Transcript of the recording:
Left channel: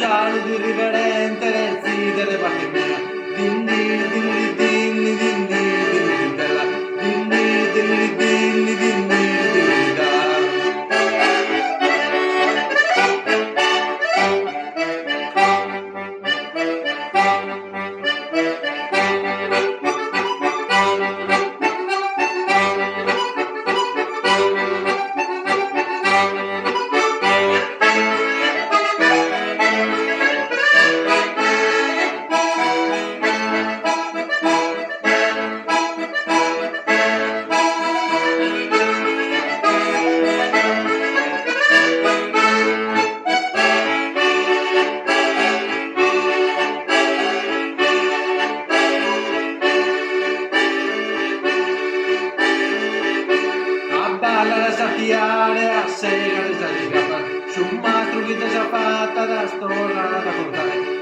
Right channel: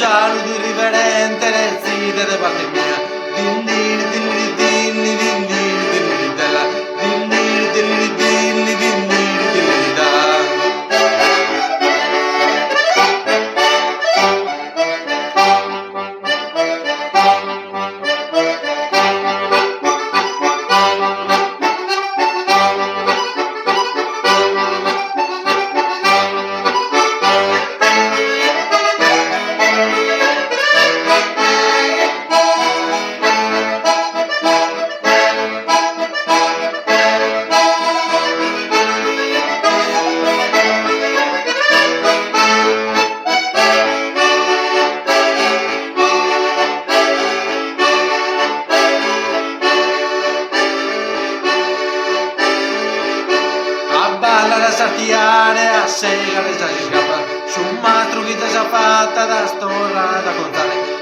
saluto irriverente nel sito di parte mia. Dindir, dindir, dindir, dindir, dindir, della. Dindir, dindir, dindir, dindir, dindir, da. A ballare, a sartiare, a segare, già si scappa. Su un mastro che già fatta da storra da contare.